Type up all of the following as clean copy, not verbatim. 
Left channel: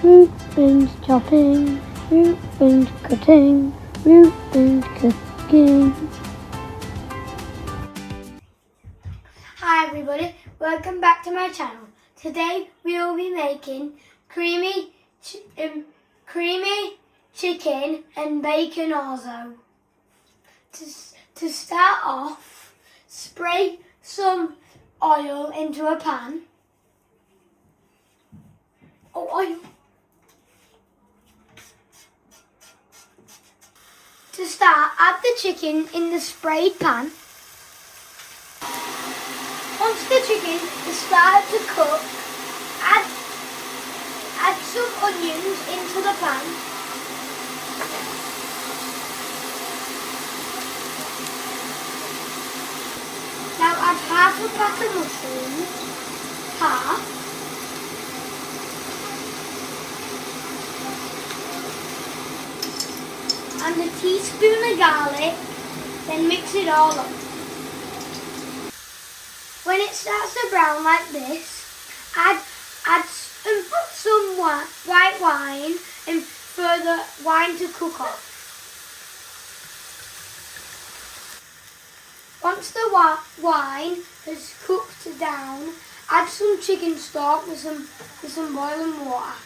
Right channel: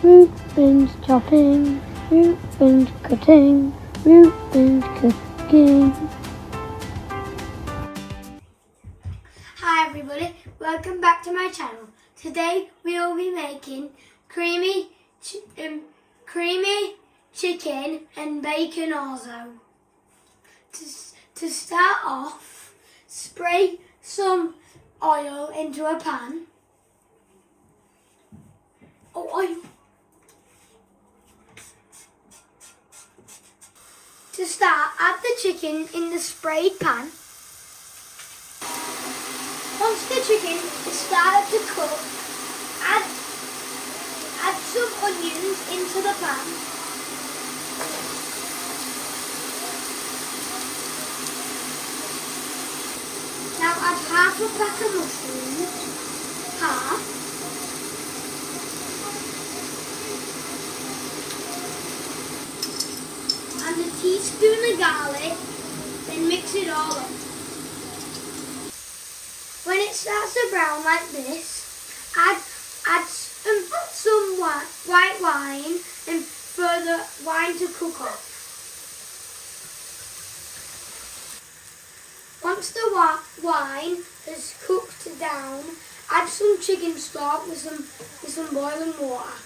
Reuben's chopping, Reuben's cutting, Reuben's cooking. Hi everybody, welcome back to my channel. Today we will be making creamy chicken and bacon orzo. To start off, spray some oil into a pan. Oil. To start, add the chicken in the sprayed pan. Once the chicken has started to cook, add some onions into the pan. Now add half a pack of mushrooms, and a teaspoon of garlic, then mix it all up. When it starts to brown like this, add some white wine and for the wine to cook off. Once the wine has cooked down, add some chicken stock with some boiling water.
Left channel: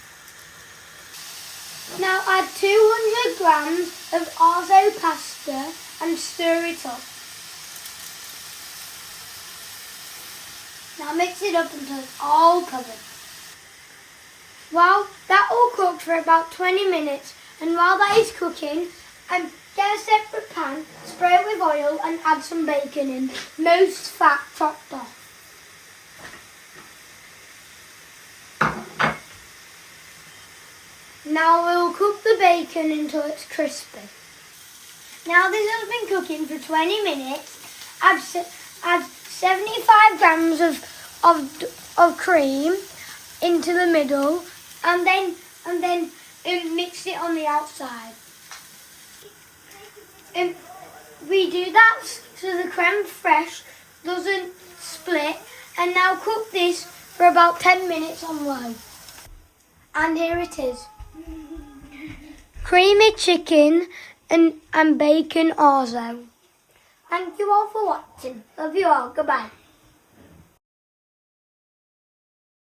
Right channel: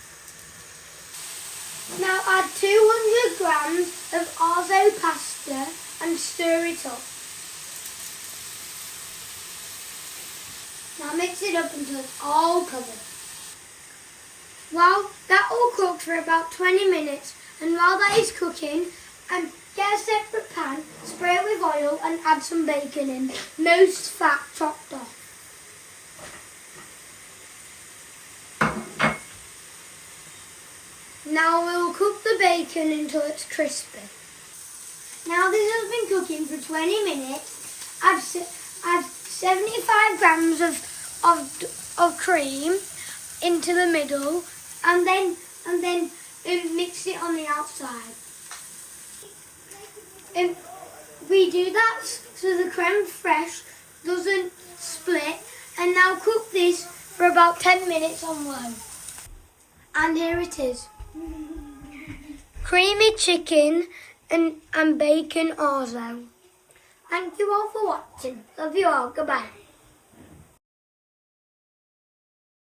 Now add 200 grams of orzo pasta and stir it up. Now mix it up until it's all covered. Well, that will cook for about 20 minutes, and while that is cooking, get a separate pan, spray it with oil and add some bacon in, most fat chopped off. Now we'll cook the bacon until it's crispy. Now this has been cooking for 20 minutes. Add 75 grams of cream into the middle, and then mix it on the outside. We do that so the creme fraiche doesn't split, and now cook this for about 10 minutes on low. And here it is. Creamy chicken and bacon orzo. Thank you all for watching. Love you all. Goodbye.